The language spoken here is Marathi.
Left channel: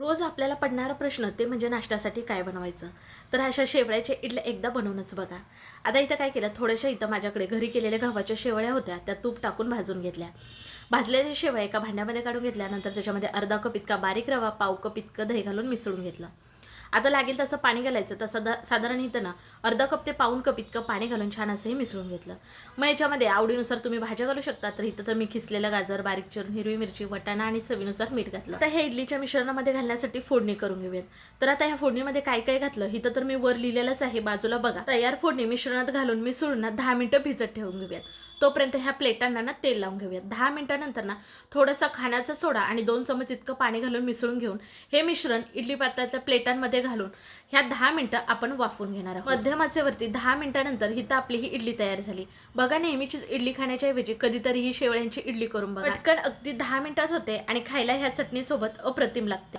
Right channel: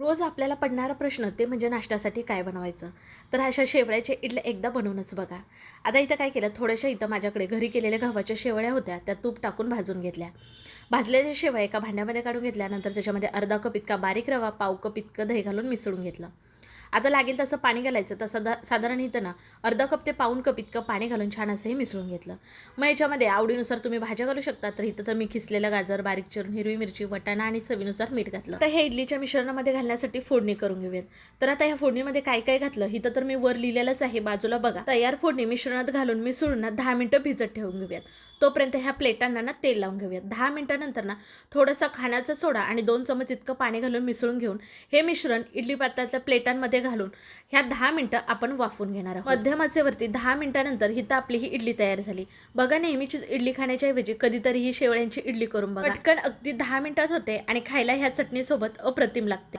रोज आपल्याला पडणारा प्रश्न ते म्हणजे नाश्त्यासाठी काय बनवायचं? तर अशा शेवळ्याच्या इडल्या एकदा बनवूनच बघा. आता इथं काय केलं थोड्याशा इथं माझ्याकडे घरी केलेल्या गव्हाच्या शेवळ्या होत्या त्या तूप टाकून भाजून घेतल्या. भाजलेल्या शेवळ्या एका भांड्यामध्ये काढून घेतल्यानंतर त्याच्यामध्ये अर्धा कप इतका बारीक रवा पाव कप इतकं दही घालून मिसळून घेतलं. आता लागेल तसं पाणी घालायचं. तसं सदा साधारण इथं ना अर्धा कप ते पाऊन कप इतकं पाणी घालून छान असंही मिसळून घेतलं. मग याच्यामध्ये आवडीनुसार तुम्ही भाज्या घालू शकता. तर इथं तर मी खिसलेलं गाजर बारीक चिरून हिरवी मिरची वटाणा आणि चवीनुसार मीठ घातलं. तर हे इडलीच्या मिश्रणामध्ये घालण्यासाठी फोडणी करून घेऊयात. तर आता ह्या फोडणीमध्ये काय काय घातलं? इथं तर मी वर लिहिलेलंच आहे. बाजूला बघा. तयार फोडणी मिश्रणात घालून मिसळून ना दहा मिनटं भिजत ठेवून घेऊयात. तोपर्यंत ह्या प्लेटांना ना तेल लावून घेऊयात. दहा मिनिटानंतर ना थोडासा खाण्याचा सोडा आणि दोन चमच इतकं पाणी घालून मिसळून घेऊन हे मिश्रण इडली पात्राच्या प्लेटांमध्ये घालून ह्या दहा मिनिटं आपण वाफवून घेणार आहोत. मध्यम दहा मिनिटानंतर हिथं आपली ही इडली तयार झाली. बघा नेहमीचीच इडली खाण्याच्या ऐवजी कधीतरी ही शेवळ्यांची इडली करून बघा. पटकन अगदी दहा मिनिटात होते आणि खायला ह्या चटणीसोबत अप्रतिम लागते.